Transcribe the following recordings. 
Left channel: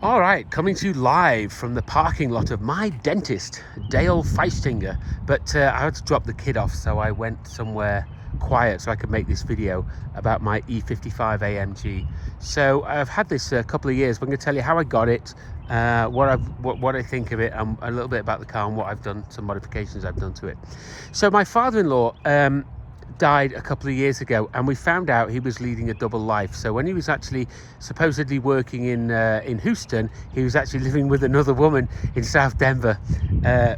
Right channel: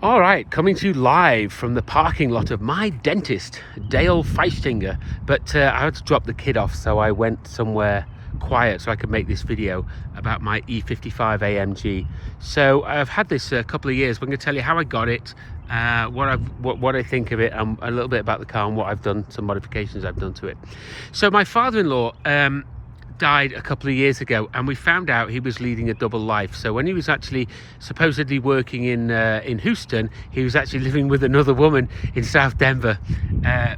All right, coming to you live from the parking lot of my dentist, Dale Feistinger. But I had to drop the kid off, so I went somewhere quiet so I could make this video about my E55 AMG. So I've had this a couple of years, but I'm going to tell you how I got it, what I think of it, and a little bit about the car and what I've done, some modifications I've done to it. So my father-in-law died a couple of years ago, and we found out he was leading a double life. So when he was actually supposedly working in Houston, he was actually living with another woman in South Denver,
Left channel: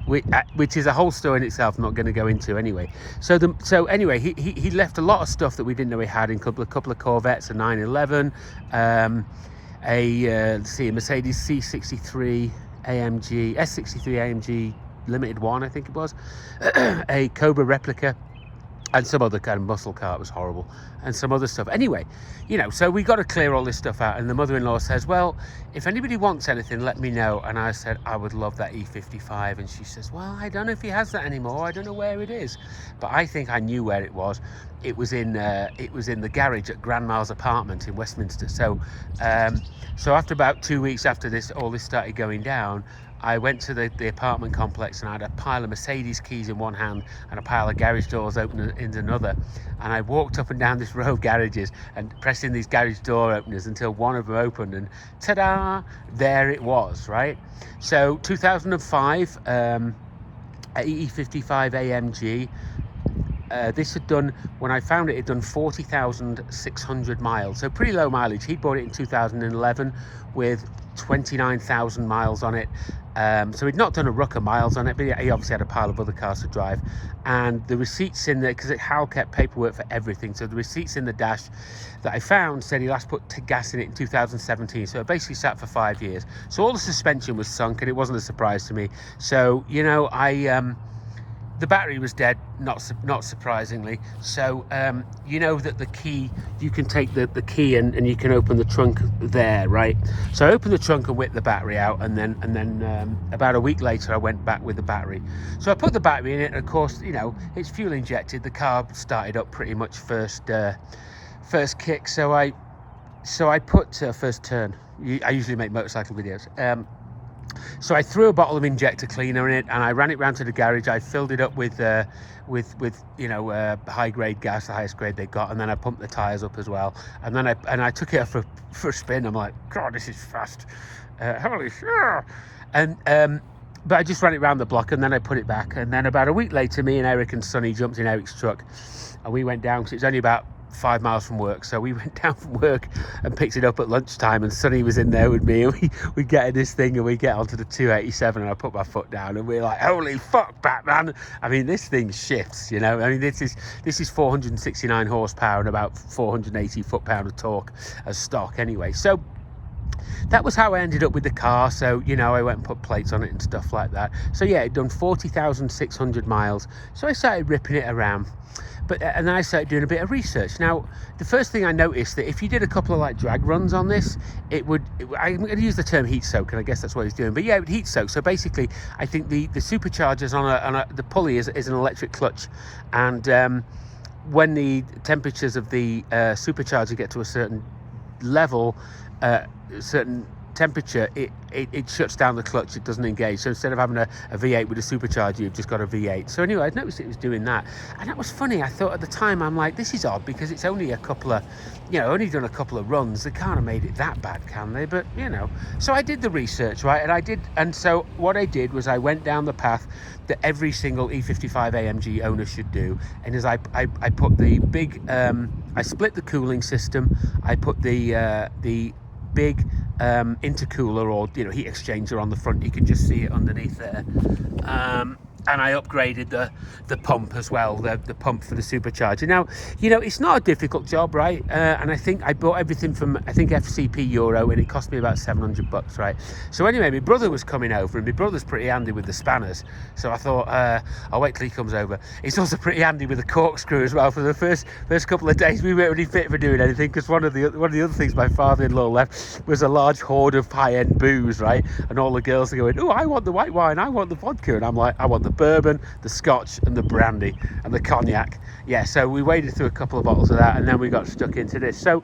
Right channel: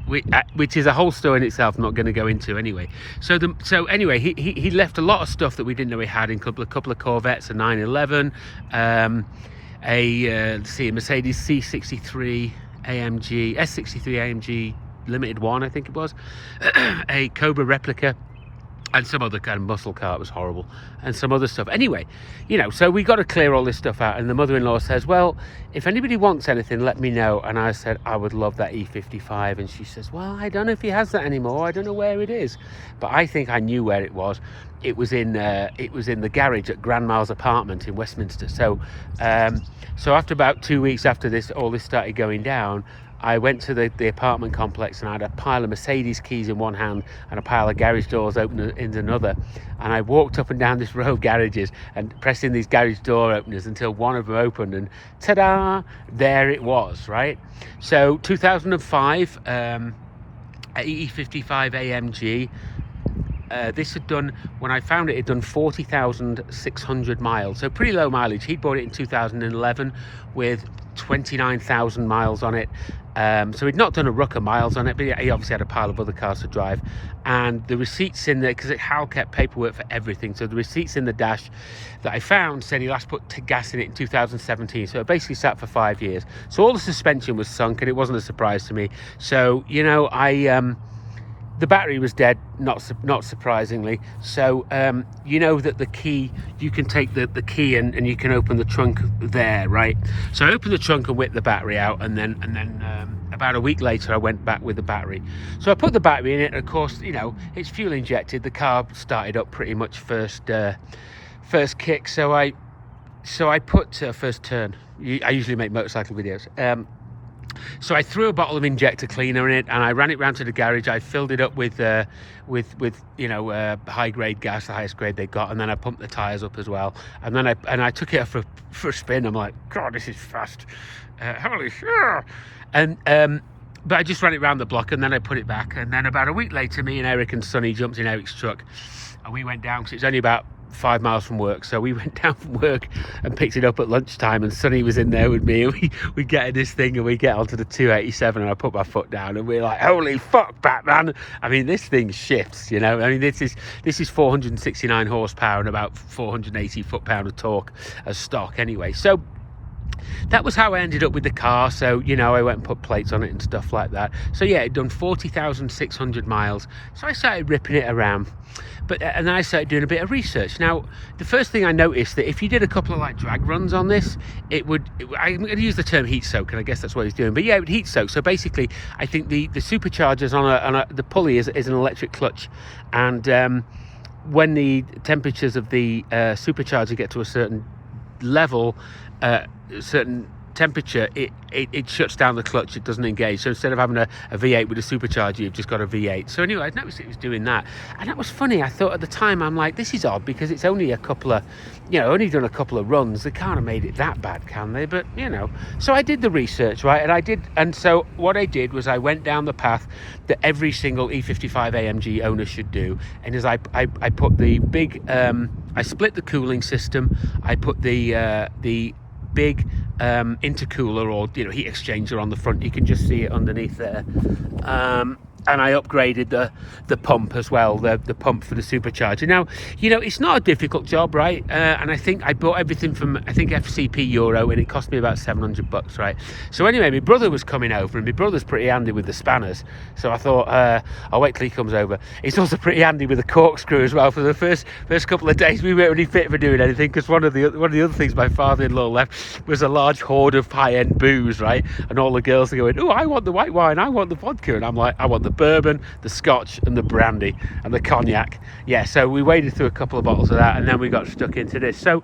which is a whole story in itself. I'm not going to go into anyway. So anyway, he left a lot of stuff that we didn't know he had, in a couple of Corvettes, a 911, let's see, a Mercedes C63 AMG, S63 AMG Limited One, I think it was, a Cobra replica, and some other kind of muscle car. It was horrible, and some other stuff. Anyway, you know, so we got to clear all this stuff out, and the mother-in-law says, well, if anybody wants anything, let me know. And I said, I would love that E55. And she says, well, I don't know if he has that anymore. I don't know where it is. But I think I knew where it was. It was in the garage at Grandma's apartment in Westminster. So so after about 2 weeks after all this started going down, I went to the apartment complex, and I had a pile of Mercedes keys in one hand and a pile of garage doors open in another. And I walked up and down this row of garages and pressing these garage door openers until one of them opened, and ta-da, there it was, right? So 2005, E55 AMG. This had done, when I found it, had done 40,600 miles. So pretty low mileage. He'd bought it in 2011 with 29,000 miles on it. So he'd not done a ruck of miles on it, but he obviously had a pile of other cars to drive. And the receipts in there, because Hal kept paperwork for everything, so the receipts in the dash that I found said he last put gas in it in 2017. So it basically sat for 5 years. So all the suspension was sunk, and it wasn't a surprise to me. So, you know, the battery was dead, not surprisingly. So you know that the key, you can take the key and you can open the trunk there, right? So I opened the trunk and whipped the battery out, and then about a week later I went back with the battery. So I put the battery in it, and of course, you know, it's fuel injected. The car started up pretty much first kick. So I put first turn. I usually make motorcycle videos. So I threw a bottle of injector cleaner in it, and I ran it round to the garage. I filled it up with you know, high grade gas, the highest grade they got, and then I pumped the tires up as well. And then I took it for a spin. I'm like, God, this is fast, holy shit! And but I just ran it round the block, and then I put it back. And then about a week later, me and Eric and Sonny jumped in Eric's truck, and we went down, because it's only about 5 miles from work. So we went down from work and picked it up at lunchtime, and Sonny was in there with me, and we get in this thing, and we get onto the 287, and I put my foot down, and we're like, holy fuck, Batman. I mean, this thing shifts, you know. I mean, this is 469 horsepower and about 480 foot-pound of torque as stock anyway. So that was how I ended up with the car. So, you know, I went and put plates on it and stuff like that. So yeah, it'd done 40,600 miles. So I started ripping it around. And then I started doing a bit of research. Now, the first thing I noticed, that if you did a couple of like drag runs on this, I'm going to use the term heat soak, and I guess that's what he's doing. But yeah, it would heat soak. So basically, I think the supercharger's on the pulley is an electric clutch, and when the temperatures of the supercharger get to a certain level, certain temperature, it shuts down the clutch. It doesn't engage. So instead of having a V8 with a supercharger, you've just got a V8. So anyway, I noticed it was doing that, and that was funny. I thought at the time, I'm like, this is odd, because it's only a couple of, you know, only done a couple of runs. They can't have made it that bad, can they? But you know, so I did the research, right? And so what I did was I went down the path that every single E55 AMG owner should do, and as I put the big, I split the cooling system. I put the big intercooler, or you know, heat exchanger on the front. You can just see it underneath there. And I upgraded the pump as well, the pump for the supercharger. Now, you know, it's not a difficult job, right? And I think I bought everything from, I think, FCP Euro, and it cost me about $700, right? So anyway, my brother was coming over, and my brother's pretty handy with the spanners. So I thought, I'll wait till he comes over. He's also pretty handy with the corkscrew as well. For the first couple of days, we weren't really fit for doing anything, because one of the other things my father-in-law left was a large hoard of high-end booze, right? And all the girls are going, oh, I want the white wine, I want the vodka, and I'm like, I want the the bourbon, the scotch, and the brandy, and the cognac. Yeah, so we waded through a couple of bottles of that, and then we got stuck into this. So,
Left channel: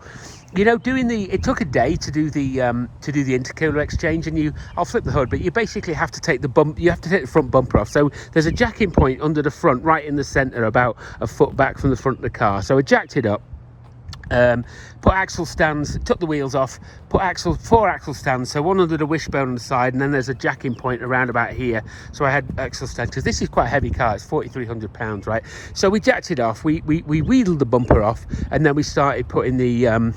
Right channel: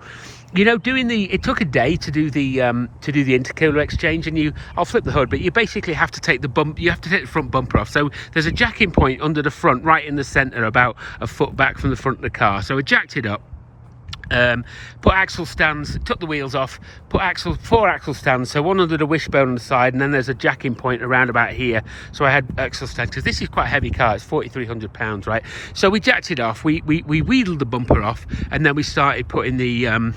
you know, it took a day to do the intercooler exchange, and I'll flip the hood, but you basically have to take the front bumper off. So there's a jacking point under the front, right in the center, about a foot back from the front of the car. So I jacked it up. Put axle stands, took the wheels off, put four axle stands, so one under the wishbone on the side, and then there's a jacking point around about here. So I had axle stands, because this is quite a heavy car, it's 4,300 pounds, right? So we jacked it off, we wheeled the bumper off, and then we started putting the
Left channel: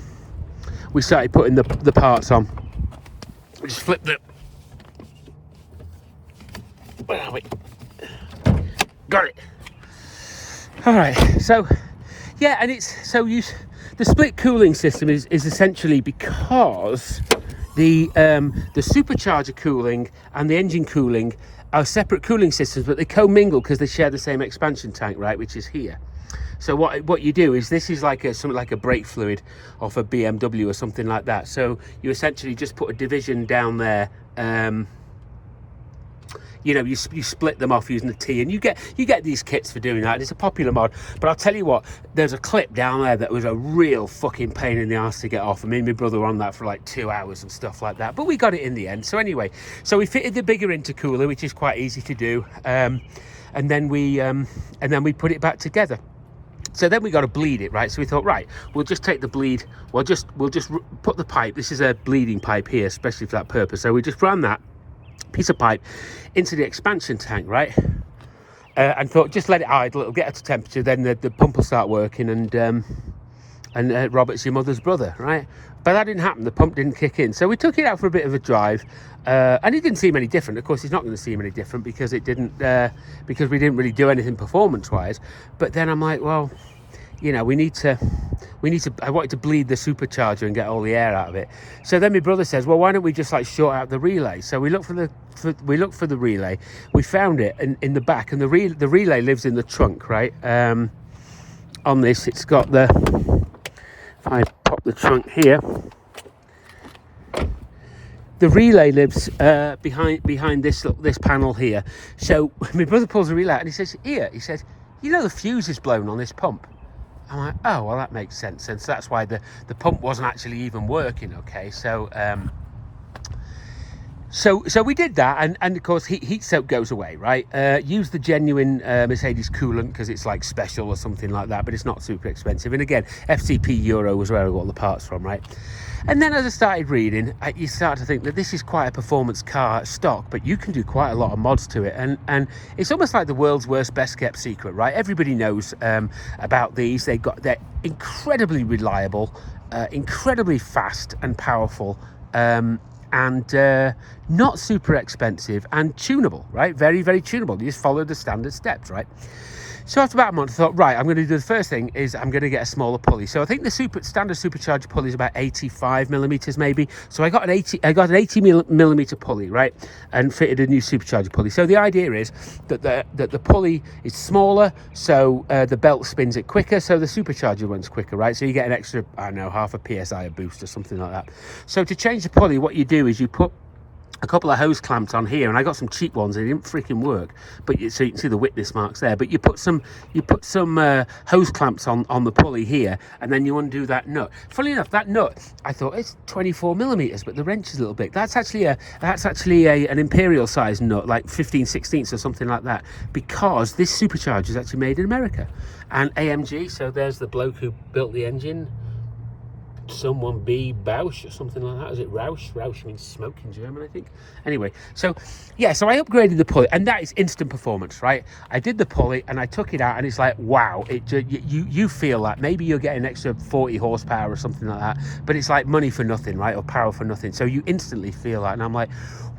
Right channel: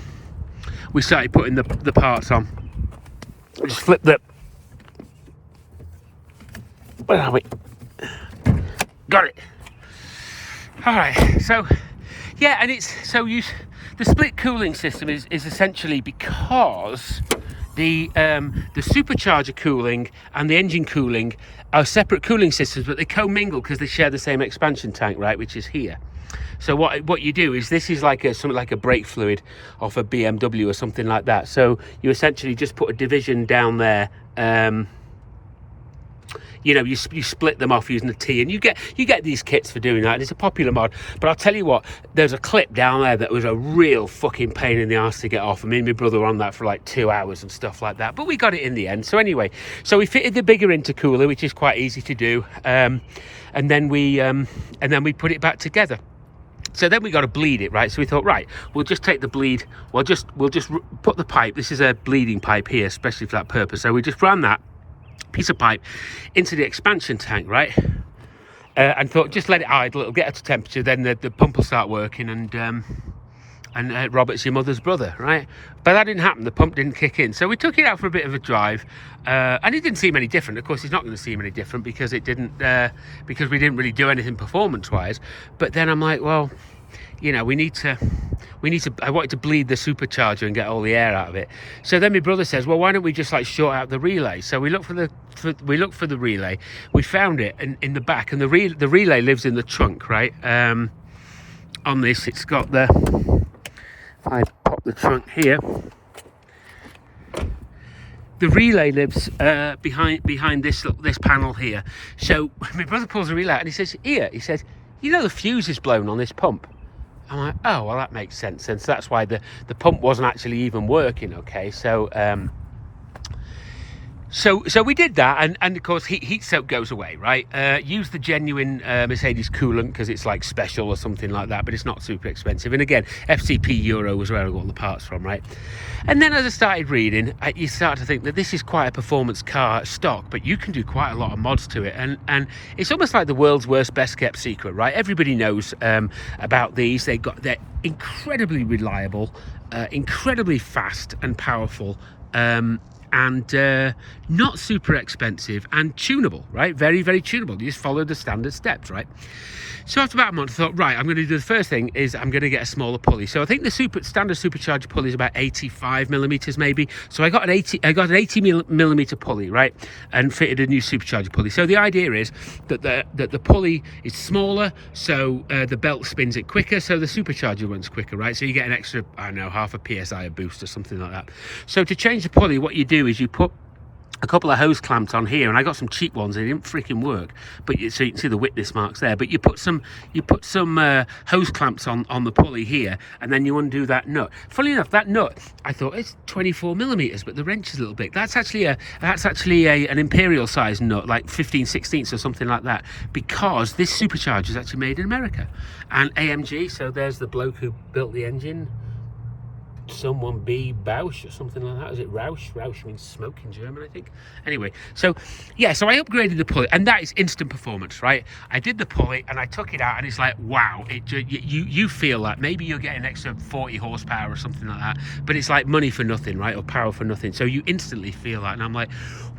parts on. Just flip the, where are we? Got it. All right, so yeah, and the split cooling system is essentially because the supercharger cooling and the engine cooling are separate cooling systems, but they commingle because they share the same expansion tank, right, which is here. So what you do is, this is like something like a brake fluid off a BMW or something like that. So you essentially just put a division down there. You know, you split them off using a T, and you get these kits for doing that, and it's a popular mod. But I'll tell you what, there's a clip down there that was a real fucking pain in the arse to get off. And me and my brother were on that for like 2 hours and stuff like that, but we got it in the end. So anyway, so we fitted the bigger intercooler, which is quite easy to do, and then we put it back together. So then we got to bleed it, right? So we thought, right, we'll just take the bleed, we'll just put the pipe, this is a bleeding pipe here, especially for that purpose. So we just ran that piece of pipe into the expansion tank, right? And thought, just let it idle, it'll get up to temperature, then the pump will start working, and Robert's your mother's brother, right? But that didn't happen, the pump didn't kick in. So we took it out for a bit of a drive, and it didn't seem any different. Of course, it's not going to seem any different because it didn't, because we didn't really do anything performance-wise. But then I'm like, well, you know, we need to, I wanted to bleed the supercharger and get all the air out of it. So then my brother says, well, why don't we just like short out the relay? So we looked for the relay, we found it in the back, and the relay lives in the trunk, right? On this, it's got the, if I pop the trunk here, the relay lives behind this panel here. So my brother pulls the relay out and he says, here, he says, you know, the fuse is blown on this pump. I'm like, oh, well, that makes sense. And so that's why the pump wasn't actually even working, okay? So so we did that, and of course heat soak goes away, right? Use the genuine Mercedes coolant, because it's like special or something like that, but it's not super expensive. And again, FTP Euro was where I got all the parts from, right? And then as I started reading, you start to think that this is quite a performance car stock, but you can do quite a lot of mods to it, and it's almost like the world's worst best kept secret, right? Everybody knows about these. They're incredibly reliable, incredibly fast and powerful, and not super expensive, and tunable, right? Very, very tunable. You just follow the standard steps, right? So after about a month, I thought, right, I'm going to do the first thing is I'm going to get a smaller pulley. So I think the standard supercharger pulley is about 85 millimeters, maybe. So I got an 80 millimeter pulley, right, and fitted a new supercharger pulley. So the idea is that the pulley is smaller, so the belt spins it quicker, so the supercharger runs quicker, right? So you get an extra, I don't know, half a PSI a boost or something like that. So to change the pulley, what you do is you put a couple of hose clamps on here, and I got some cheap ones. They didn't freaking work, but so you can see the witness marks there. But you put some hose clamps on the pulley here, and then you undo that nut. Funny enough, that nut, I thought it's 24 millimeters, but the wrench is a little big. That's actually an imperial size nut, like 15/16 or something like that, because this supercharger is actually made in America, and AMG. So there's the bloke who built the engine. Someone B. Bausch or something like that. Is it Rausch? Rausch means smoke in German, I think. Anyway, so yeah, so I upgraded the pulley, and that is instant performance, right? I did the pulley and I took it out, and it's like, wow, you feel like maybe you're getting an extra 40 horsepower or something like that, but it's like money for nothing, right? Or power for nothing. So you instantly feel that, and I'm like,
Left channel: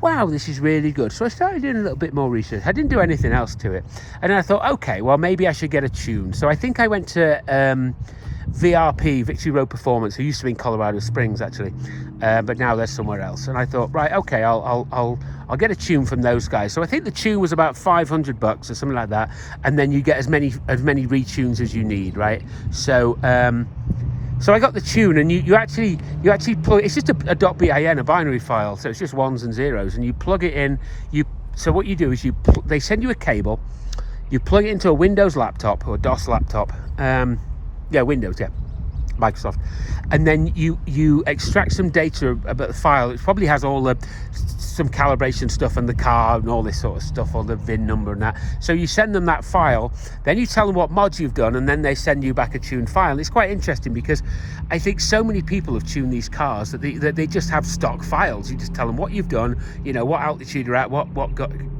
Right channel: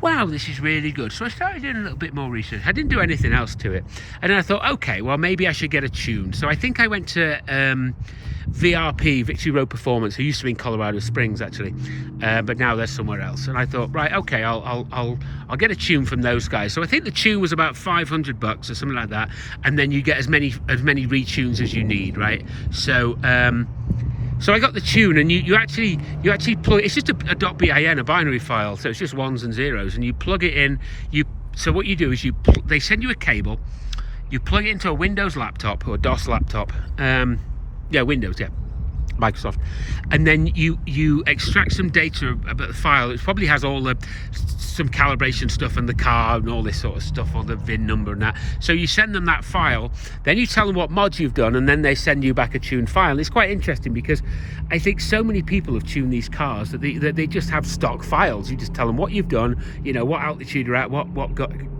wow, this is really good. So I started doing a little bit more research. I didn't do anything else to it, and then I thought, okay, well, maybe I should get a tune. So I think I went to VRP, Victory Road Performance, who used to be in Colorado Springs actually, but now they're somewhere else. And I thought, right, okay, I'll get a tune from those guys. So I think the tune was about $500 or something like that, and then you get as many retunes as you need, right? So so I got the tune, and you actually plug. It's just a .bin, a binary file, so it's just ones and zeros, and you plug it in. You So what you do is they send you a cable, you plug it into a Windows laptop or DOS laptop, Windows, Microsoft, and then you extract some data about the file. It probably has all some calibration stuff and the car and all this sort of stuff, or the VIN number and that. So you send them that file, then you tell them what mods you've done, and then they send you back a tuned file. And it's quite interesting because I think so many people have tuned these cars that they just have stock files. You just tell them what you've done, you know, what altitude you're at, what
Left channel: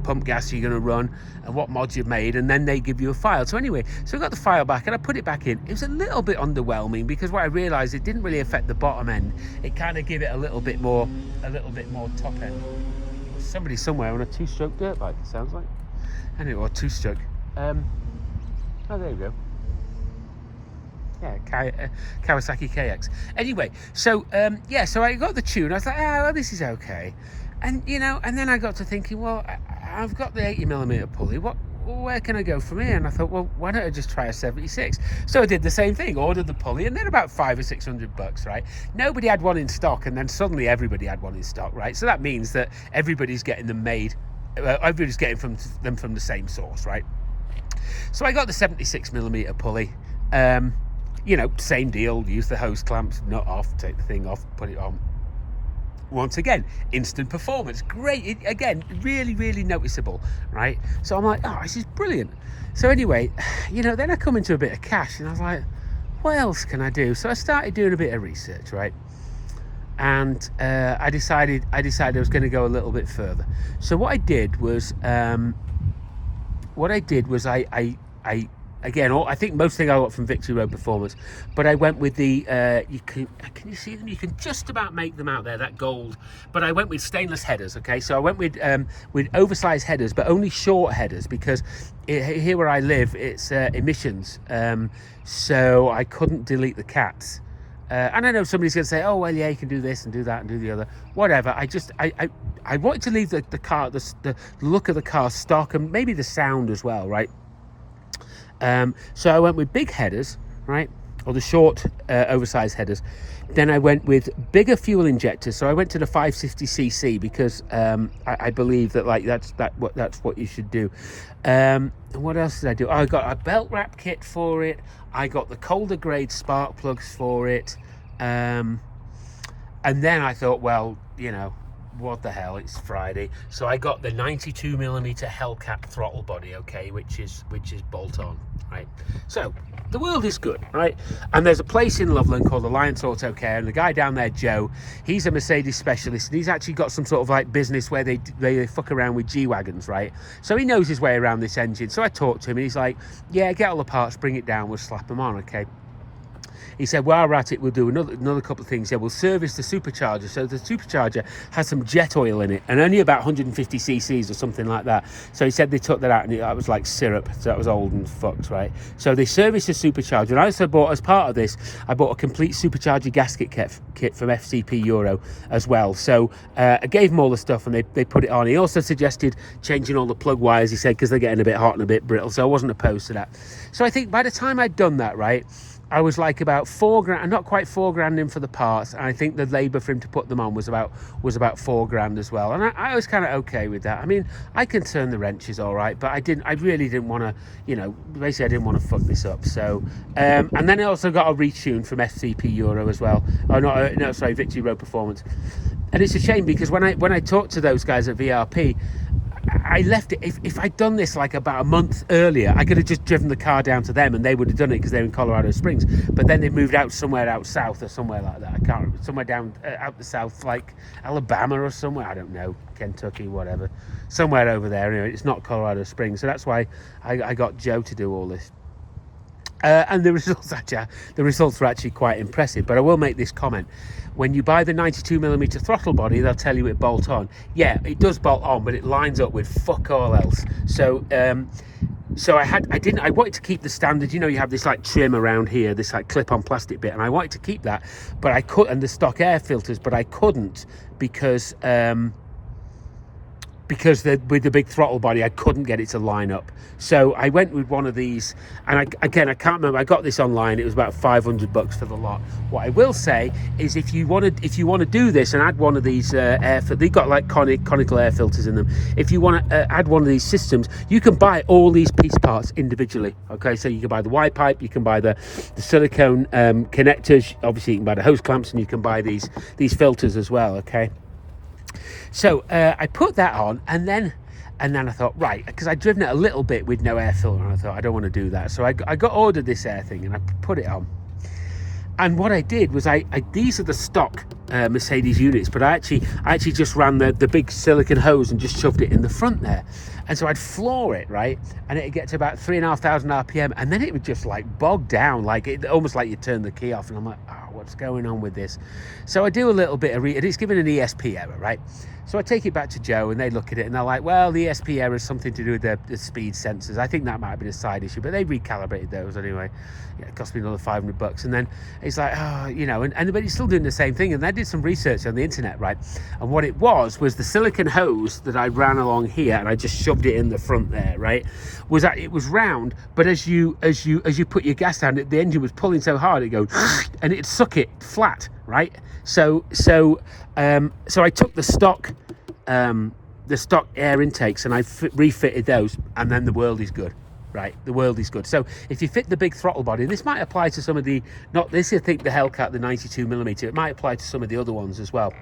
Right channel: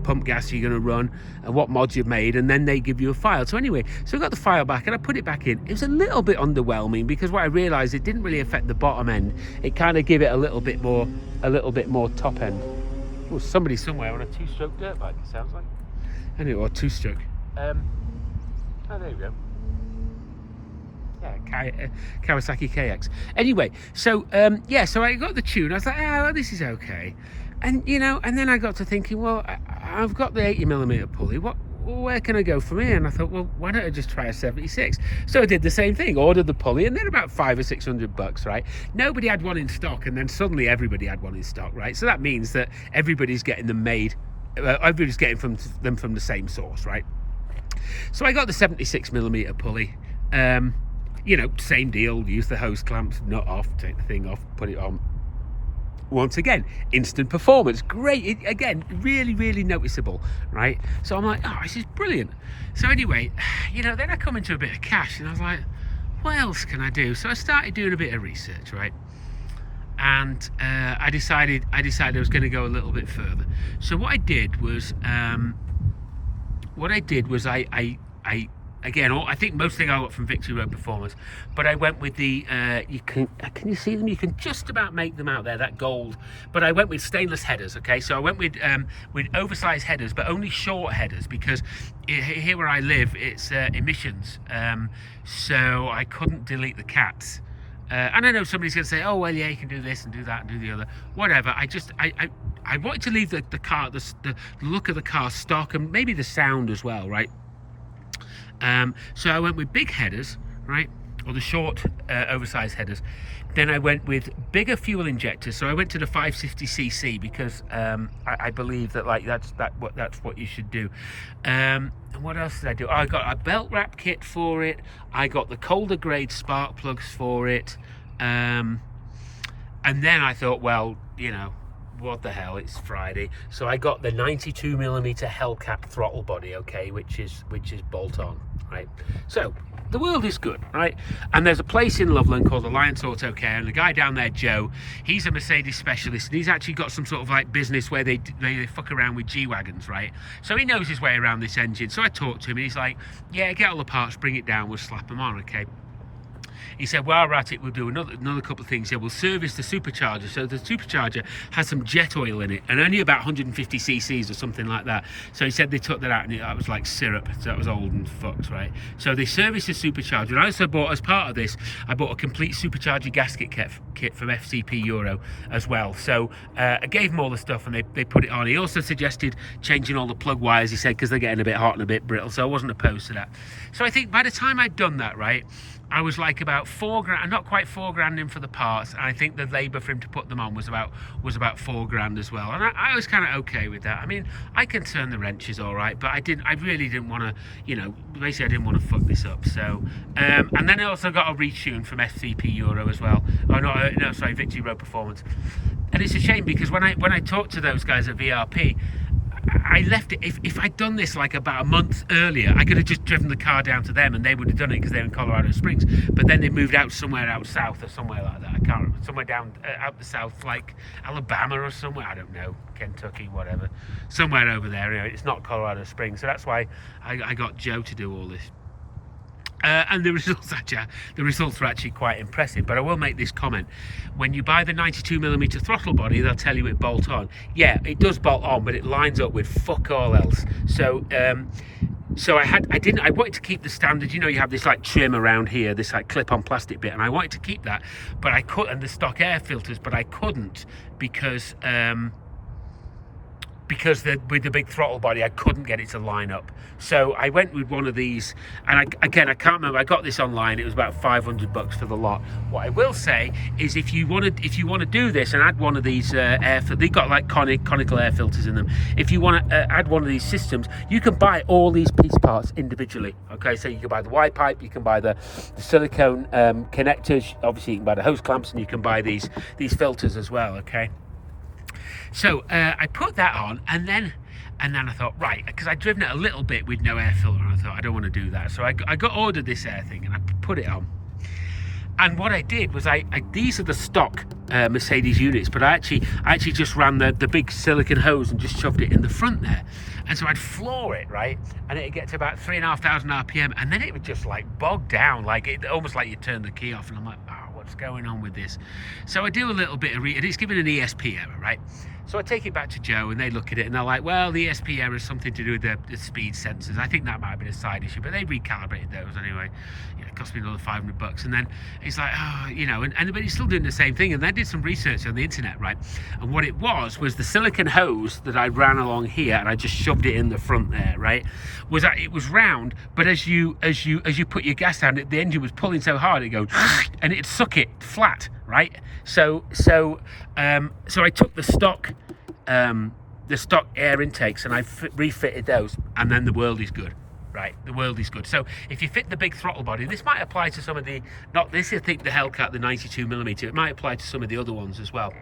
pump gas you're going to run, and what mods you've made, and then they give you a file. So anyway, so I got the file back and I put it back in. It was a little bit underwhelming because what I realized, it didn't really affect the bottom end. It kind of gave it a little bit more top end. Oh, somebody somewhere on a 2-stroke dirt bike, it sounds like. Anyway, or 2-stroke. Oh, there you go. Yeah, Kawasaki KX. Anyway, so so I got the tune. I was like, well, this is okay. And you know, and then I got to thinking, well, I've got the 80mm pulley. Where can I go from here? And I thought, well, why don't I just try a 76? So I did the same thing, ordered the pulley, and they're about $500 or $600, right? Nobody had one in stock, and then suddenly everybody had one in stock, right? So that means that everybody's getting them made, everybody's getting them from the same source, right? So I got the 76mm pulley. You know, same deal, use the hose clamps, nut off, take the thing off, put it on. Once again, instant performance, great. Again, really, really noticeable, right? So I'm like, oh, this is brilliant. So anyway, you know, then I come into a bit of cash, and I was like, what else can I do? So I started doing a bit of research, right? And I decided I was going to go a little bit further. So what I did was, again, I think most thing I got from Victory Road Performance, but I went with the, can you see them? You can just about make them out there, that gold. But I went with stainless headers, okay? So I went with oversized headers, but only short headers, because here where I live, it's emissions. So I couldn't delete the cats. And I know somebody's going to say, oh, well, yeah, you can do this and do that and do the other. Whatever. I wanted to leave the car, the look of the car stock, and maybe the sound as well, right? So I went with big headers, right, or the short oversized headers. Then I went with bigger fuel injectors. So I went to the 550cc because I believe that that's what you should do. And what else did I do? I got a belt wrap kit for it. I got the colder grade spark plugs for it. And then I thought, well, you know, what the hell, it's Friday, so I got the 92mm hellcat throttle body, okay, which is bolt on, right? So the world is good, right? And there's a place in Loveland called Alliance Auto Care, and the guy down there, Joe, he's a Mercedes specialist, and he's actually got some sort of like business where they fuck around with G-Wagons, right? So he knows his way around this engine. So I talked to him, and he's like, yeah, get all the parts, bring it down, we'll slap them on, okay? He said, well, we're at it, we'll do another couple of things. Yeah, we'll service the supercharger. So the supercharger has some jet oil in it, and only about 150 cc's or something like that. So he said they took that out, and that was like syrup, so that was old and fucked, right? So they serviced the supercharger. And I also bought, as part of this, I bought a complete supercharger gasket kit from FTP Euro as well. So I gave them all the stuff, and they put it on. He also suggested changing all the plug wires, he said, because they're getting a bit hot and a bit brittle. So I wasn't opposed to that. So I think by the time I'd done that, right, I was like about $4,000, not quite $4,000 in for the parts, and I think the labour for him to put them on was about $4,000 as well. And I was kind of okay with that. I mean, I can turn the wrenches all right, but I really didn't want to, you know, basically I didn't want to fuck this up. So, and then I also got a retune from FTP Euro as well. Oh no, sorry, Victory Road Performance. And it's a shame because when I talked to those guys at VRP, I left it. If I'd done this like about a month earlier, I could have just driven the car down to them and they would have done it because they're in Colorado Springs. But then they moved out somewhere out south or somewhere like that. I can't remember. Somewhere down out the south, like Alabama or somewhere. I don't know, Kentucky, whatever. Somewhere over there. You know, it's not Colorado Springs. So that's why I got Joe to do all this. And the results were actually quite impressive. But I will make this comment: when you buy the 92mm throttle body, they'll tell you it bolt on. Yeah, it does bolt on, but it lines up with fuck all else. So so I wanted to keep the standard. You know, you have this like trim around here, this like clip-on plastic bit, and I wanted to keep that, but I couldn't. And the stock air filters, but I couldn't because because with the big throttle body, I couldn't get it to line up. So I went with one of these, and I can't remember. I got this online. It was about $500 for the lot. What I will say is, if you want to do this and add one of these air filters, they've got like conical air filters in them. If you want to add one of these systems, you can buy all these piece parts individually. Okay, so you can buy the Y pipe, you can buy the silicone connectors. Obviously, you can buy the hose clamps, and you can buy these filters as well. Okay. So I put that on, and then I thought, right, because I'd driven it a little bit with no air filter, and I thought, I don't want to do that. So I ordered this air thing, and I put it on. And what I did was, these are the stock Mercedes units, but I actually just ran the big silicone hose and just shoved it in the front there. And so I'd floor it, right, and it'd get to about 3,500 RPM, and then it would just like bog down, like it almost like you turn the key off, and I'm like, oh, what's going on with this? So I do a little bit of it's given an ESP error, right? So I take it back to Joe, and they look at it, and they're like, well, the ESP error is something to do with the speed sensors. I think that might have been a side issue, but they recalibrated those anyway. Yeah, it cost me another $500. And then it's like, oh, you know, but it's still doing the same thing. And I did some research on the internet, right? And what it was the silicone hose that I ran along here, and I just shoved it in the front there, right? Was that it was round, but as you put your gas down, the engine was pulling so hard, it goes, and it'd suck it flat, right? So I took the stock air intakes, and I refitted those, and then the world is good, right? The world is good. So if you fit the big throttle body, this might apply to some of the, not this, I think the Hellcat, the 92mm, it might apply to some of the other ones as well.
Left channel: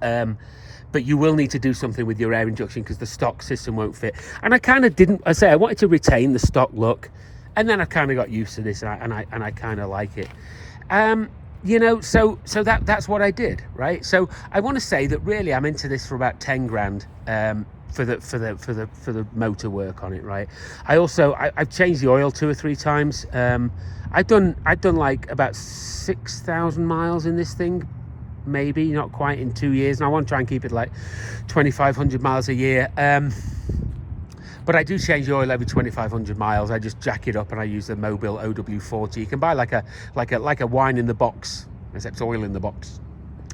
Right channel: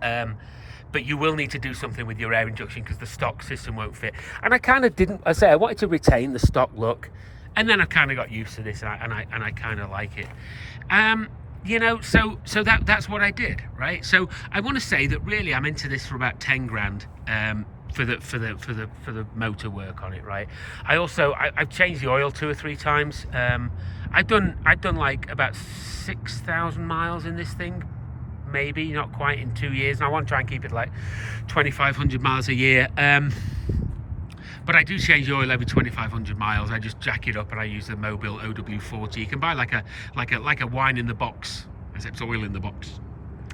But you will need to do something with your air injection, because the stock system won't fit. And I kind of didn't, I wanted to retain the stock look, and then I kind of got used to this, and I kind of like it. You know, so that's what I did, right? So I want to say that really I'm into this for about 10 grand for the motor work on it, right? I've changed the oil 2 or 3 times. I've done like about 6,000 miles in this thing, maybe not quite, in 2 years, and I want to try and keep it like 2,500 miles a year. But I do change the oil every 2,500 miles. I just jack it up, and I use the Mobil OW40. You can buy like a wine in the box, except oil in the box.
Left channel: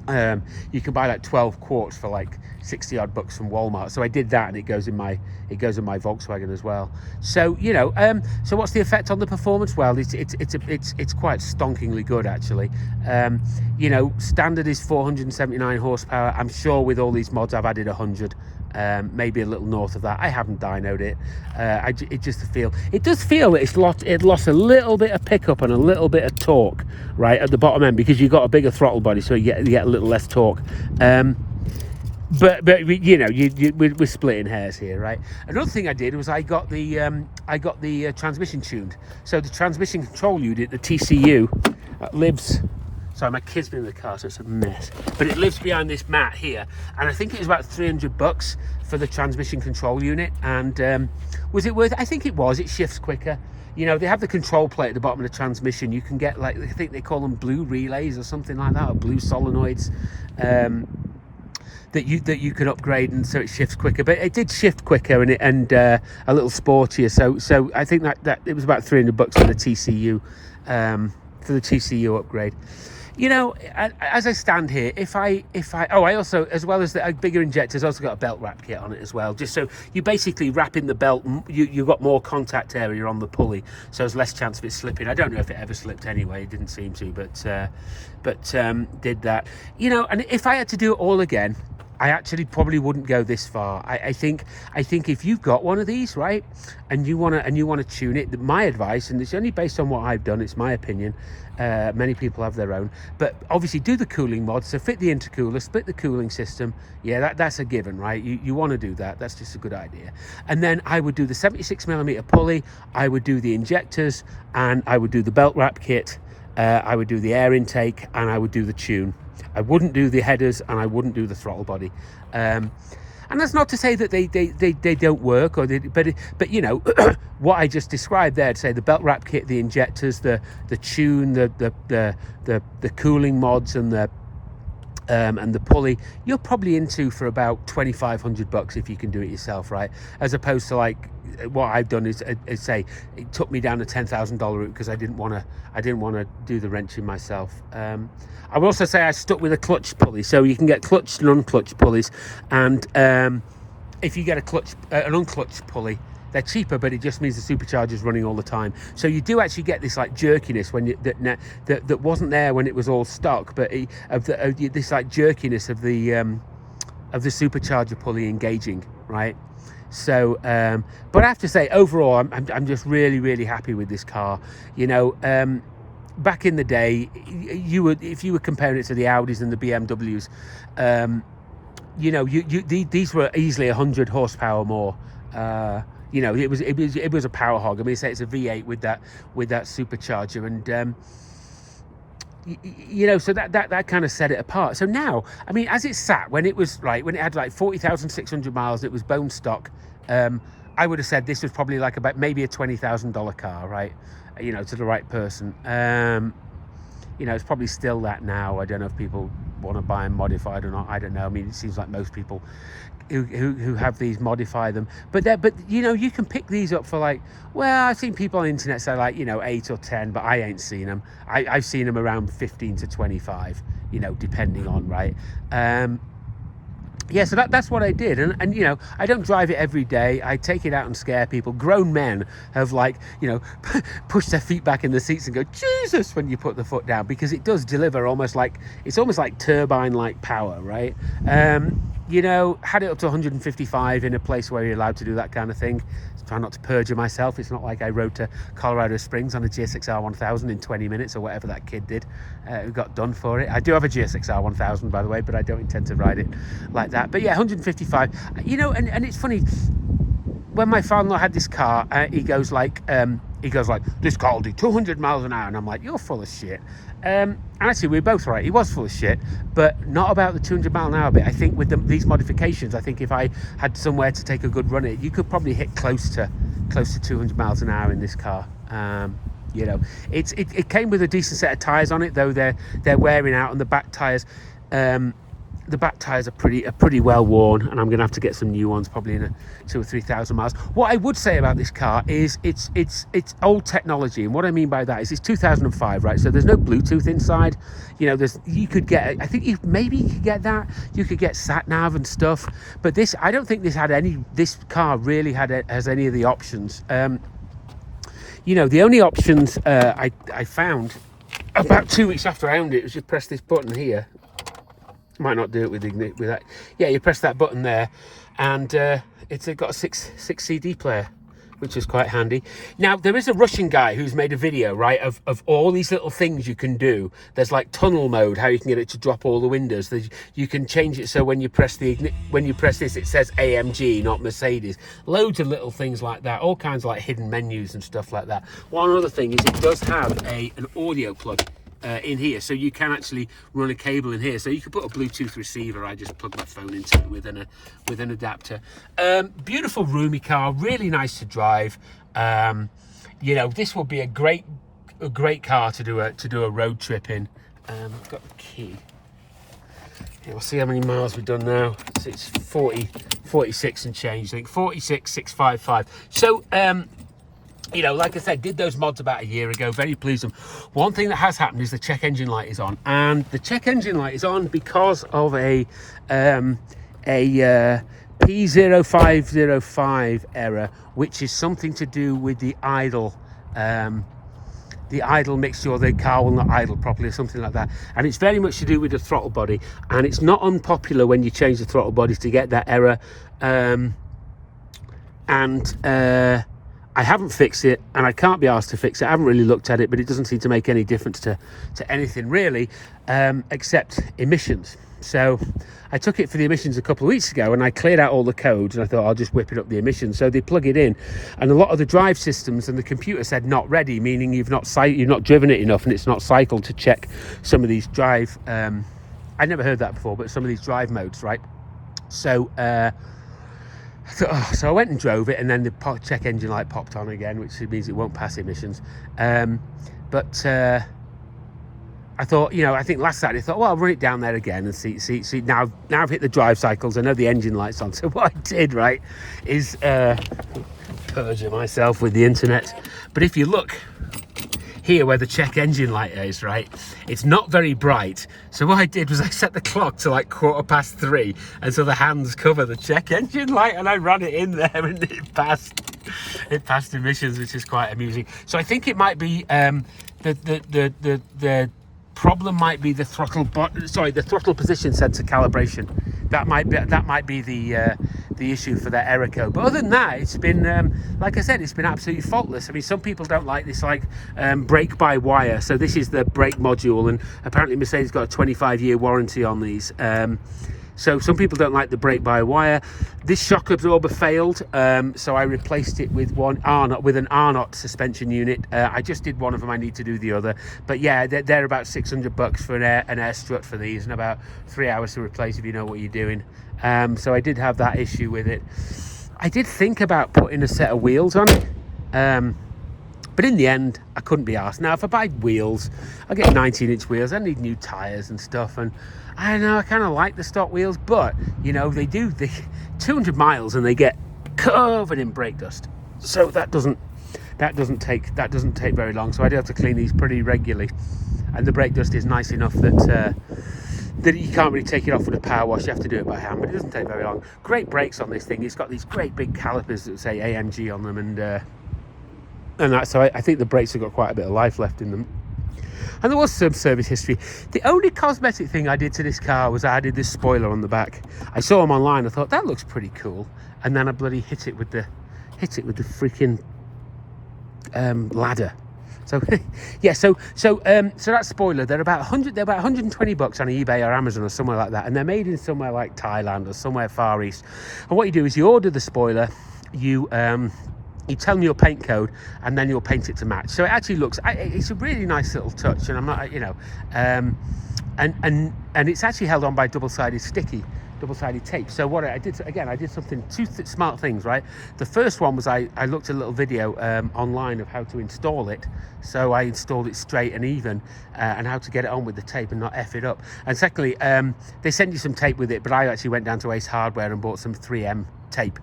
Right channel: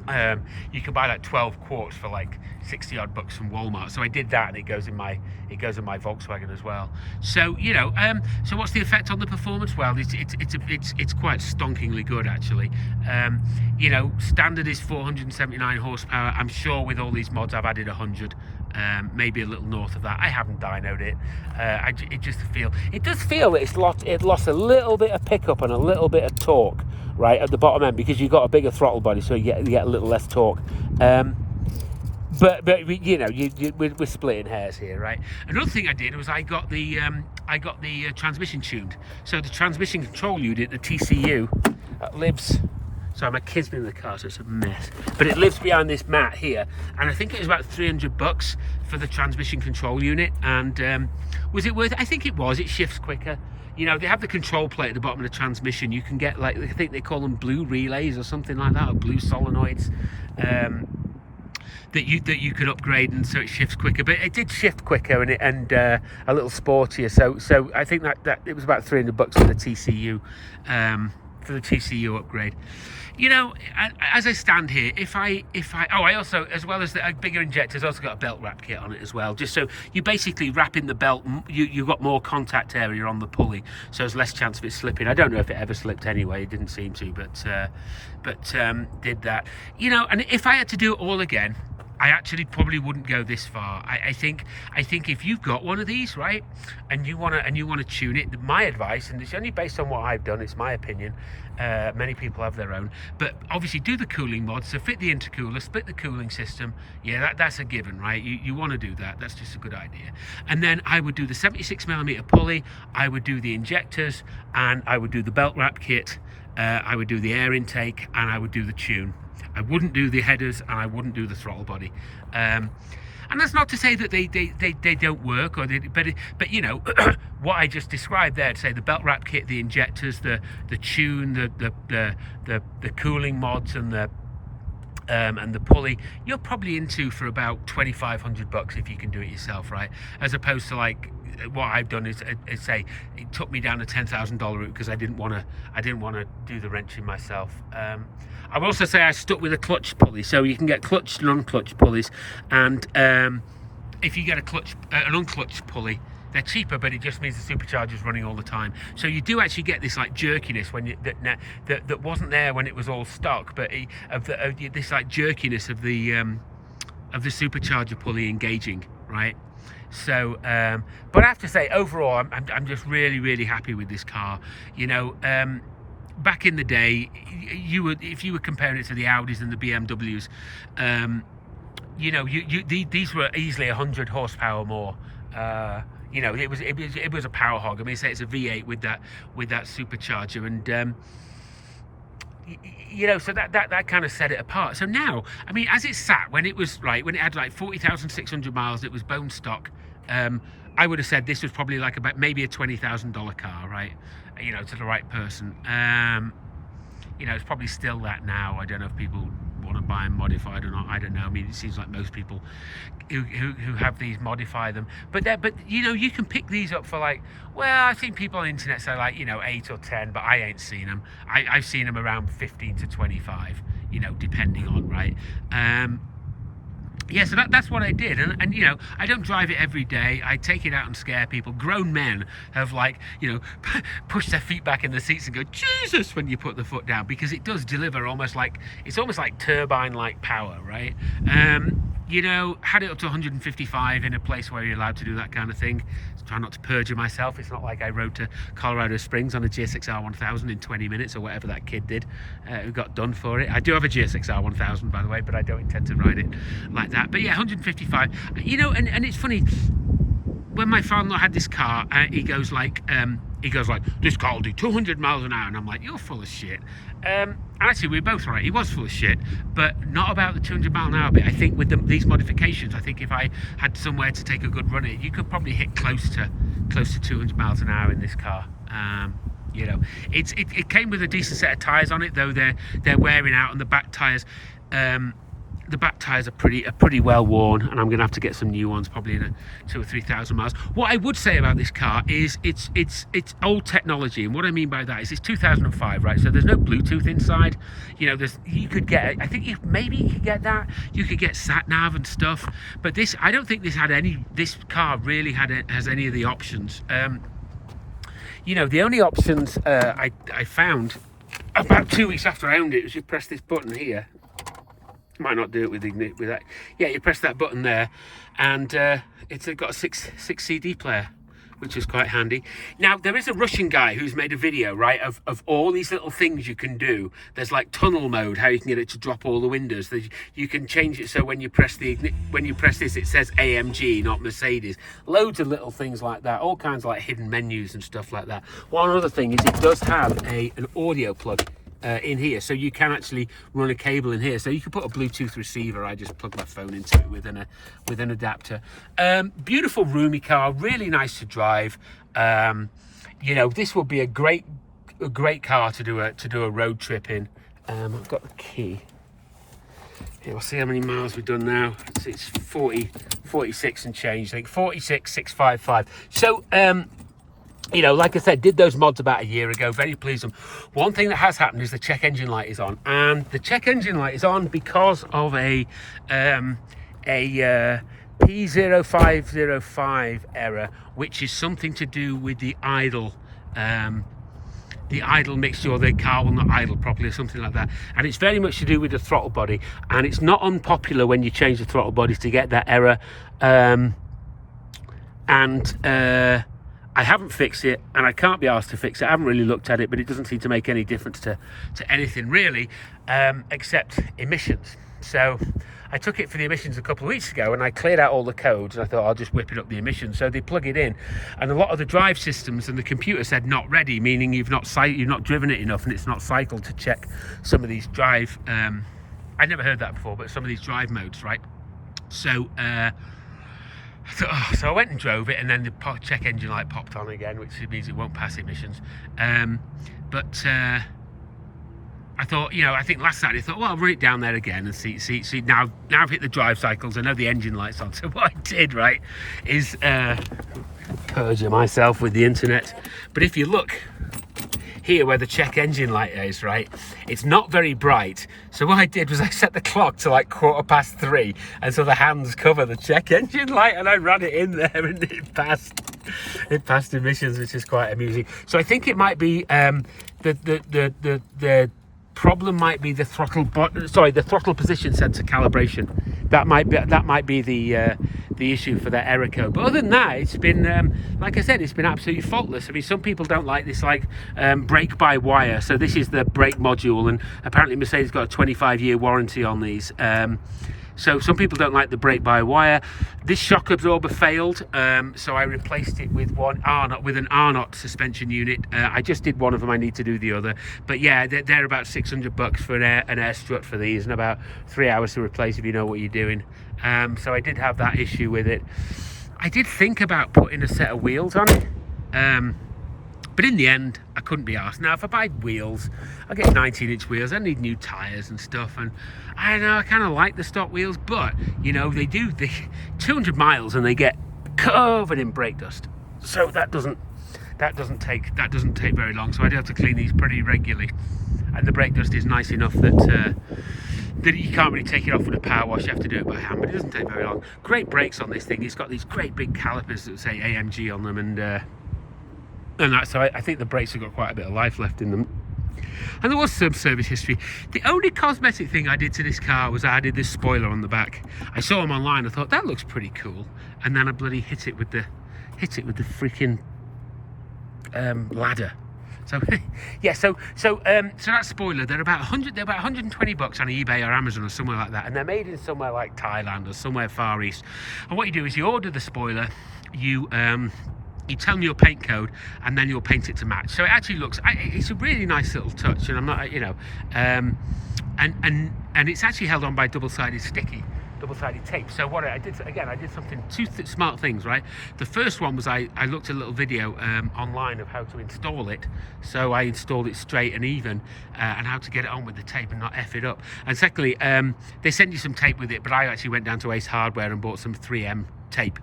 You can buy like 12 quarts for like 60 odd bucks from Walmart. So I did that, and it goes in my Volkswagen as well. So, you know, so what's the effect on the performance? Well, it's quite stonkingly good, actually. You know, standard is 479 horsepower. I'm sure with all these mods I've added 100. Maybe a little north of that. I haven't dynoed it. It does feel it lost a little bit of pickup and a little bit of torque right at the bottom end, because you've got a bigger throttle body, so you get a little less torque. But you know, we're splitting hairs here, right? Another thing I did was I got the transmission tuned. So the transmission control unit, the TCU, lives. Sorry, my kid's been in the car, so it's a mess. But it lives behind this mat here, and I think it was about $300 for the transmission control unit. And was it worth it? I think it was. It shifts quicker. You know, they have the control plate at the bottom of the transmission. You can get, like, I think they call them blue relays or something like that, or blue solenoids. That you can upgrade, and so it shifts quicker. But it did shift quicker, and a little sportier. So I think that it was about $300 for the TCU, upgrade. You know, as I stand here, I also, as well as the bigger injectors, also got a belt wrap kit on it as well. Just so you basically wrap in the belt, you've got more contact area on the pulley, so there's less chance of it slipping. I don't know if it ever slipped anyway. It didn't seem to, but did that. You know, and if I had to do it all again, I actually probably wouldn't go this far. I think if you've got one of these, right, and you wanna tune it, my advice, and it's only based on what I've done, it's my opinion. Many people have their own, but obviously do the cooling mod. So fit the intercooler, split the cooling system. Yeah, that's a given, right? You want to do that. That's just a good idea. And then I would do the 76mm pulley. I would do the injectors, and I would do the belt wrap kit. I would do the air intake, and I would do the tune. I wouldn't do the headers, and I wouldn't do the throttle body. And that's not to say that they don't work, but you know, what I just described there, to say the belt wrap kit, the injectors, the tune, the cooling mods, and the pulley, you're probably into for about $2,500 if you can do it yourself, right? As opposed to, like, what I've done is say it took me down a $10,000 route because I didn't want to do the wrenching myself. I will also say I stuck with a clutch pulley, so you can get clutched and unclutched pulleys, and if you get an unclutched pulley, they're cheaper, but it just means the supercharger's running all the time. So you do actually get this like jerkiness when that wasn't there when it was all stock, but this like jerkiness of the supercharger pulley engaging, right? So, but I have to say, overall, I'm just really happy with this car. You know, back in the day, if you were comparing it to the Audis and the BMWs, you know, these were easily 100 horsepower more. You know, it was a power hog. I mean, say it's a V8 with that supercharger, and you know, so that kind of set it apart. So now, I mean, as it sat, when it had like 40,600 miles, it was bone stock. I would have said this was probably like about maybe a $20,000 car, right? You know, to the right person. You know, it's probably still that now. I don't know if people want to buy them modified or not. I don't know. I mean, it seems like most people who have these modify them. But you know, you can pick these up for like, well, I've seen people on the internet say like, you know, 8 or 10, but I ain't seen them. I've seen them around 15 to 25, you know, depending on, right? Yeah, so that's what I did, and you know, I don't drive it every day. I take it out and scare people. Grown men have, like, you know, pushed their feet back in the seats and go, Jesus, when you put the foot down, because it does deliver almost like turbine-like power, right? You know, had it up to 155 in a place where you're allowed to do that kind of thing. Try not to perjure myself. It's not like I rode to Colorado Springs on a GSX-R 1000 in 20 minutes or whatever that kid did who got done for it. I do have a GSX-R 1000, by the way, but I don't intend to ride it like that. But yeah, 155. You know, and it's funny, when my father-in-law had this car, he goes like, this car will do 200 miles an hour, and I'm like, you're full of shit. And actually, we were both right. He was full of shit, but not about the 200 mile an hour bit. I think with these modifications, I think if I had somewhere to take a good run at it, you could probably hit close to 200 miles an hour in this car. You know, it came with a decent set of tires on it, though they're wearing out, and the back tires. The back tires are pretty well worn, and I'm gonna have to get some new ones probably in 2,000 or 3,000 miles. What I would say about this car is it's old technology, and what I mean by that is it's 2005, right? So there's no Bluetooth inside. You know, you could get, I think maybe you could get that. You could get sat nav and stuff, but I don't think this car really has any of the options. You know, the only options I found about 2 weeks after I owned it was you press this button here. Might not do it with that. Yeah, you press that button there, and it's got a six CD player, which is quite handy. Now, there is a Russian guy who's made a video, right, of all these little things you can do. There's like tunnel mode, how you can get it to drop all the windows. You can change it so when you press this, it says AMG, not Mercedes. Loads of little things like that, all kinds of like hidden menus and stuff like that. One other thing is it does have an audio plug in here, so you can actually run a cable in here, so you can put a Bluetooth receiver. I just plug my phone into it with an adapter. Beautiful roomy car, really nice to drive. You know, this would be a great car to do a road trip in. I've got the key. Yeah, we'll see how many miles we've done now. It's 46 and change, I think 46,655. So you know, like I said, did those mods about a year ago, very pleased with them. One thing that has happened is the check engine light is on, and the check engine light is on because of a P0505 error, which is something to do with the idle mixture, or the car will not idle properly or something like that, and it's very much to do with the throttle body, and it's not unpopular when you change the throttle bodies to get that error. I haven't fixed it, and I can't be asked to fix it. I haven't really looked at it, but it doesn't seem to make any difference to anything really, except emissions. So I took it for the emissions a couple of weeks ago, and I cleared out all the codes, and I thought I'll just whip it up the emissions. So they plug it in, and a lot of the drive systems and the computer said not ready, meaning you've not driven it enough, and it's not cycled to check some of these drive. I never heard that before, but some of these drive modes, right? So so I went and drove it, and then the check engine light popped on again, which means it won't pass emissions. But I thought, you know, I think last Saturday I thought, well, I'll run it down there again and see. Now I've hit the drive cycles. I know the engine light's on. So what I did, right, is perjure myself with the internet. But if you look here where the check engine light is, right? It's not very bright. So what I did was I set the clock to like 3:15, and so the hands cover the check engine light, and I ran it in there, and it passed. It passed emissions, which is quite amusing. So I think it might be the problem might be the throttle the throttle position sensor calibration. That might be the issue for that error code. But other than that, it's been like I said, it's been absolutely faultless. I mean, some people don't like this like brake by wire. So this is the brake module, and apparently Mercedes got a 25-year warranty on these. So some people don't like the brake by wire. This shock absorber failed, so I replaced it with an R-Knot suspension unit. I just did one of them. I need to do the other. But yeah, they're about $600 for an air strut for these, and about 3 hours to replace if you know what you're doing. So I did have that issue with it. I did think about putting a set of wheels on it. But in the end, I couldn't be arsed. Now, if I buy wheels, I get 19-inch wheels. I need new tyres and stuff. And I know I kind of like the stock wheels, but you know they do the 200 miles and they get covered in brake dust. So that doesn't take very long. So I do have to clean these pretty regularly. And the brake dust is nice enough that you can't really take it off with a power wash. You have to do it by hand, but it doesn't take very long. Great brakes on this thing. It's got these great big calipers that say AMG on them, and that, so I think the brakes have got quite a bit of life left in them. And there was some service history. The only cosmetic thing I did to this car was I added this spoiler on the back. I saw them online. I thought that looks pretty cool, and then I bloody hit it with the freaking ladder. So yeah, so that spoiler, they're about $120 on eBay or Amazon or somewhere like that, and they're made in somewhere like Thailand or somewhere Far East. And what you do is you order the spoiler, you tell them your paint code, and then you'll paint it to match. So it actually looks, it's a really nice little touch, and I'm not, you know, and it's actually held on by double-sided tape. So what I did, again, I did two smart things, right? The first one was I looked at a little video online of how to install it. So I installed it straight and even, and how to get it on with the tape and not F it up. And secondly, they send you some tape with it, but I actually went down to Ace Hardware and bought some 3M tape.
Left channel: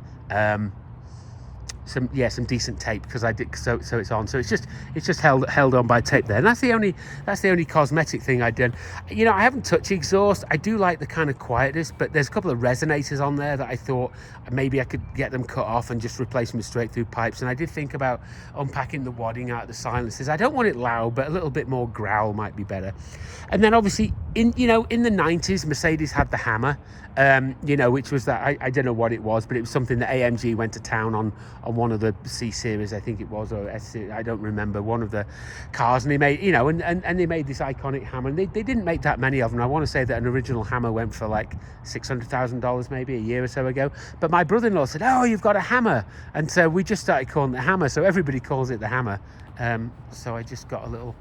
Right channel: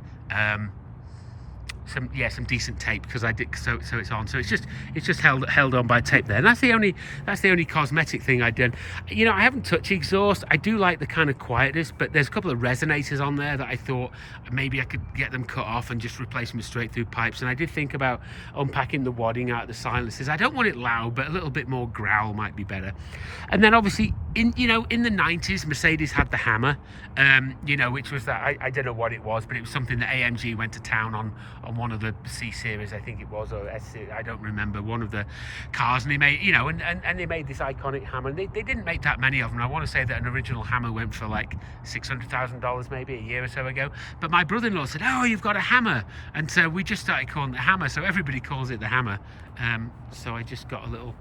Some decent tape, because I did, so it's on. So it's just held on by tape there, and that's the only cosmetic thing I did. You know, I haven't touched exhaust. I do like the kind of quietness, but there's a couple of resonators on there that I thought maybe I could get them cut off and just replace them with straight through pipes. And I did think about unpacking the wadding out of the silencers. I don't want it loud, but a little bit more growl might be better. And then obviously in the 90s, Mercedes had the Hammer, you know, which was that, I don't know what it was, but it was something that AMG went to town on one of the C series, I think it was, or S series, I don't remember, one of the cars, and they made, you know, and they made this iconic Hammer, and they didn't make that many of them. I want to say that an original Hammer went for like $600,000 maybe a year or so ago. But my brother-in-law said, "Oh, you've got a Hammer," and so we just started calling it the Hammer. So everybody calls it the Hammer. So I just got a little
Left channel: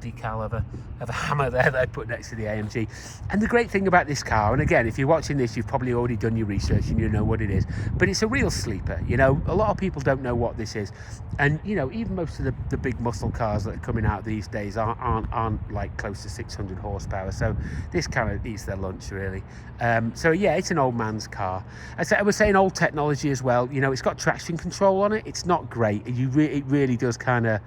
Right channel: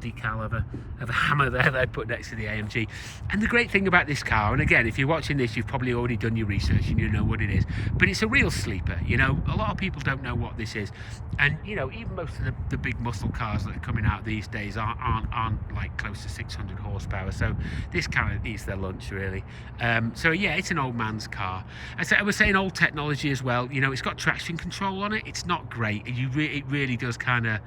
decal of a Hammer there that I put next to the AMG. And the great thing about this car, and again, if you're watching this, you've probably already done your research and you know what it is, but it's a real sleeper. You know, a lot of people don't know what this is, and you know, even most of the big muscle cars that are coming out these days aren't like close to 600 horsepower. So this kind of eats their lunch, really. So yeah, it's an old man's car. I was saying old technology as well. You know, it's got traction control on it. It's not great. It really does kind of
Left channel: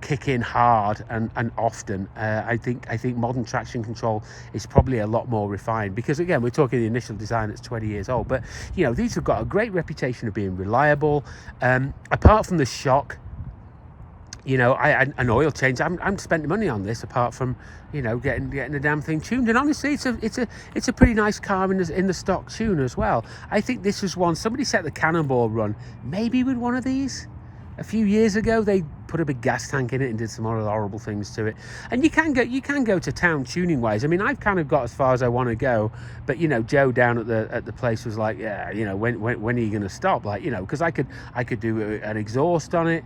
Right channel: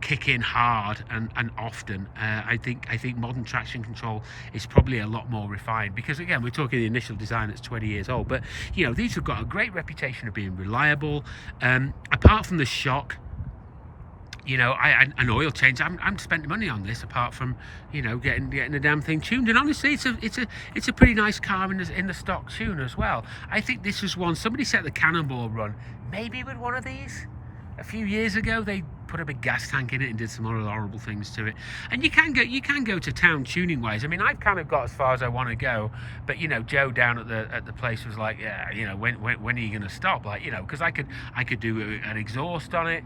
kick in hard and often. I think modern traction control is probably a lot more refined, because again, we're talking the initial design that's 20 years old, but you know, these have got a great reputation of being reliable. Apart from the shock, you know, an oil change, I'm spending money on this, apart from, you know, getting the damn thing tuned. And honestly, it's a pretty nice car in the stock tune as well. I think this was one, somebody set the Cannonball run maybe with one of these a few years ago. They put a big gas tank in it and did some horrible things to it. And you can go to town tuning wise. I mean, I've kind of got as far as I want to go, but you know, Joe down at the place was like, yeah, you know, when are you going to stop? Like, you know, because I could do an exhaust on it.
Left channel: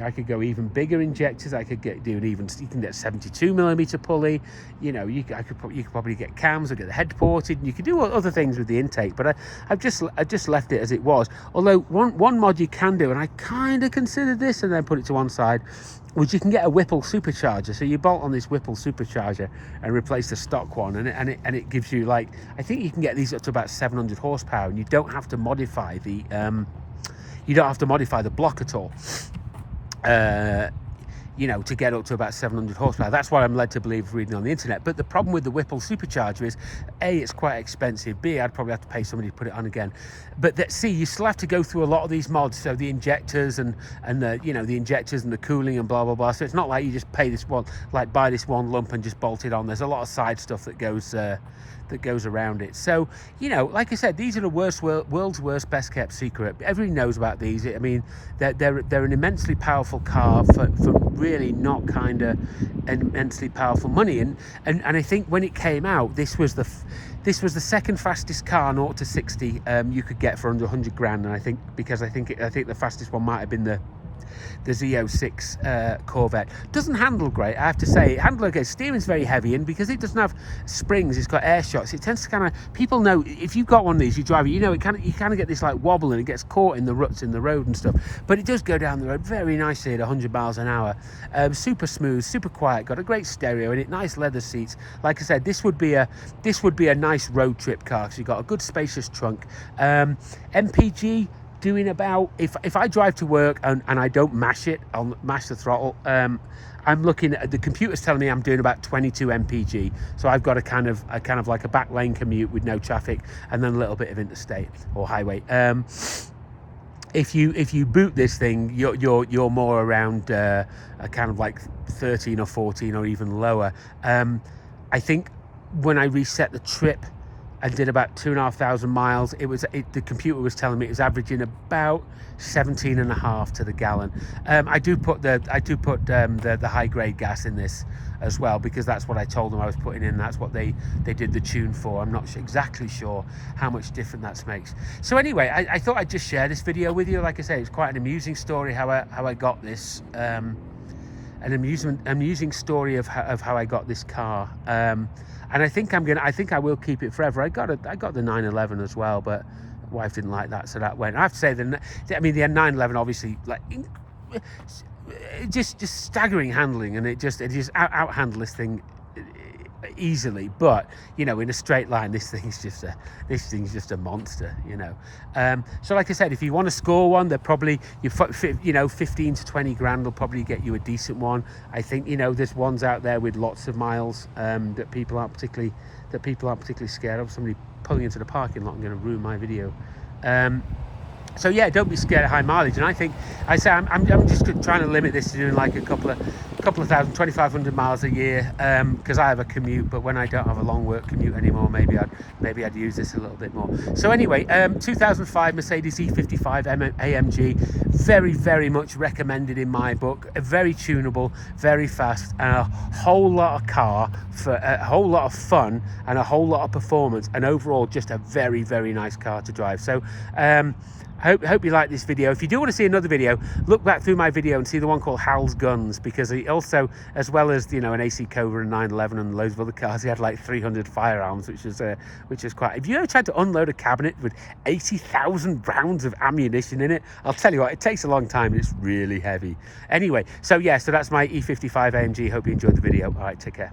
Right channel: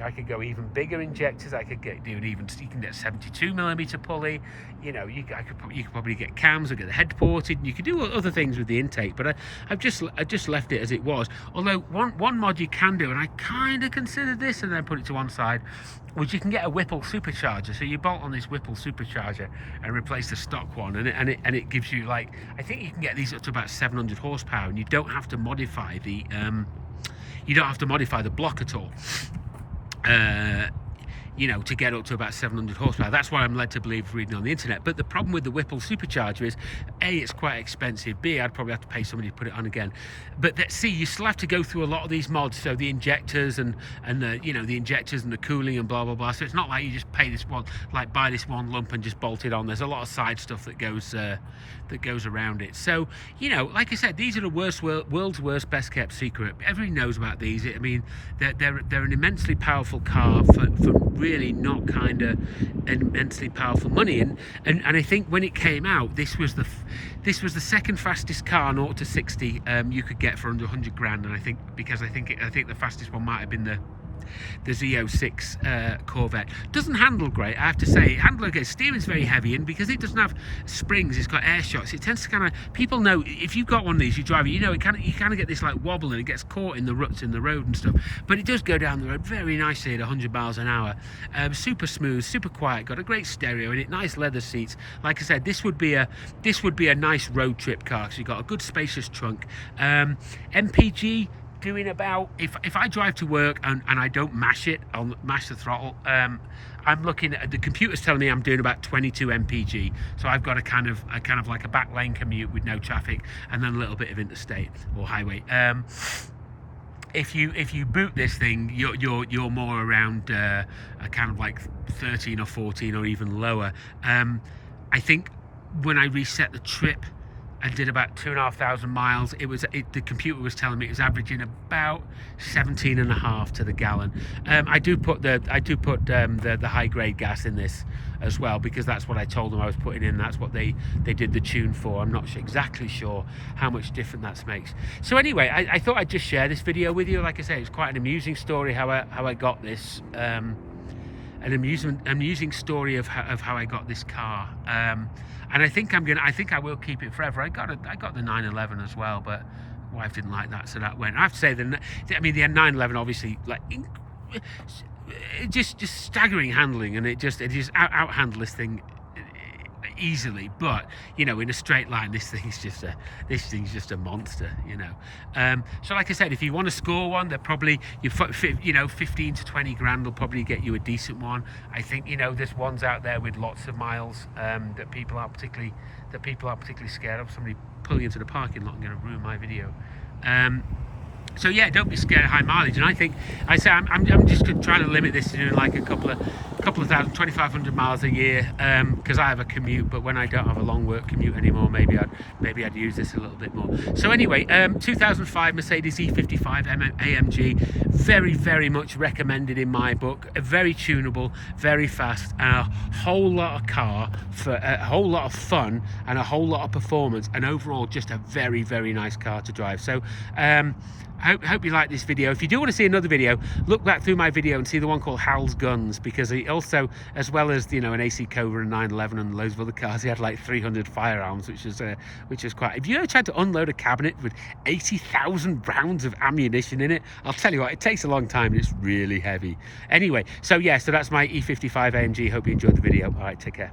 I could go even bigger injectors. I could you can get 72mm pulley. You know, you could probably get cams or get the head ported, and you could do other things with the intake. But I've just left it as it was. Although one mod you can do, and I kind of considered this and then put it to one side, which you can get a Whipple supercharger. So you bolt on this Whipple supercharger and replace the stock one, and it gives you, like, I think you can get these up to about 700 horsepower, and you don't have to modify the block at all. you know, to get up to about 700 horsepower. That's what I'm led to believe reading on the internet. But the problem with the Whipple Supercharger is, A, it's quite expensive. B, I'd probably have to pay somebody to put it on again. But that, C, you still have to go through a lot of these mods. So the injectors and the, you know, the injectors and the cooling and blah, blah, blah. So it's not like you just pay this one, like buy this one lump and just bolt it on. There's a lot of side stuff that goes around it. So, you know, like I said, these are the world's worst best kept secret. Everybody knows about these. I mean, they're an immensely powerful car for really not kind of immensely powerful money. And I think when it came out, this was the second fastest car 0 to 60 you could get for under 100 grand. And I think the fastest one might have been the Z06 Corvette. Doesn't handle great, I have to say. Handle okay. Steering's very heavy, and because it doesn't have springs, it's got air shocks. It tends to kind of, people know if you've got one of these, you drive it, you know, you kind of get this like wobble, and it gets caught in the ruts in the road and stuff. But it does go down the road very nicely at 100 miles an hour. Super smooth, super quiet. Got a great stereo in it. Nice leather seats. Like I said, this would be a nice road trip car because you've got a good spacious trunk. MPG. Doing about, if I drive to work and I don't mash the throttle, I'm looking at, the computer's telling me I'm doing about 22 mpg. So I've got a kind of like a back lane commute with no traffic, and then a little bit of interstate or highway. If you boot this thing, you're more around a kind of like 13 or 14 or even lower. I think when I reset the trip and did about 2,500 miles, the computer was telling me it was averaging about 17.5 to the gallon. I do put the high grade gas in this as well, because that's what I told them I was putting in. That's what they did the tune for. I'm not exactly sure how much different that makes. So anyway, I thought I'd just share this video with you. Like I say, it's quite an amusing story how I got this. An amusing story of how I got this car. And I think I will keep it forever. I got the 911 as well, but wife didn't like that, so that went. I have to say the 911 obviously, like, just staggering handling, and it just out handled this thing easily. But you know, in a straight line, this thing's just a monster, you know. So like I said, if you want to score one, they're probably, 15 to 20 grand will probably get you a decent one. I think, you know, there's ones out there with lots of miles that people aren't particularly scared of. Somebody pulling into the parking lot and going to ruin my video. So yeah, don't be scared of high mileage. And I'm just trying to limit this to doing like a couple of thousand, 2,500 miles a year, because I have a commute. But when I don't have a long work commute anymore, maybe I'd use this a little bit more. So anyway, 2005 Mercedes E55 AMG, very, very much recommended in my book. Very tunable, very fast, and a whole lot of car for a whole lot of fun and a whole lot of performance, and overall just a very, very nice car to drive. So hope you like this video. If you do want to see another video, look back through my video and see the one called Hal's Guns, because he also, as well as, you know, an AC Cobra and 911 and loads of other cars, he had like 300 firearms, which is quite. Have you ever tried to unload a cabinet with 80,000 rounds of ammunition in it? I'll tell you what, it takes a long time and it's really heavy. Anyway, so yeah, so that's my E55 AMG. Hope you enjoyed the video. All right, take care.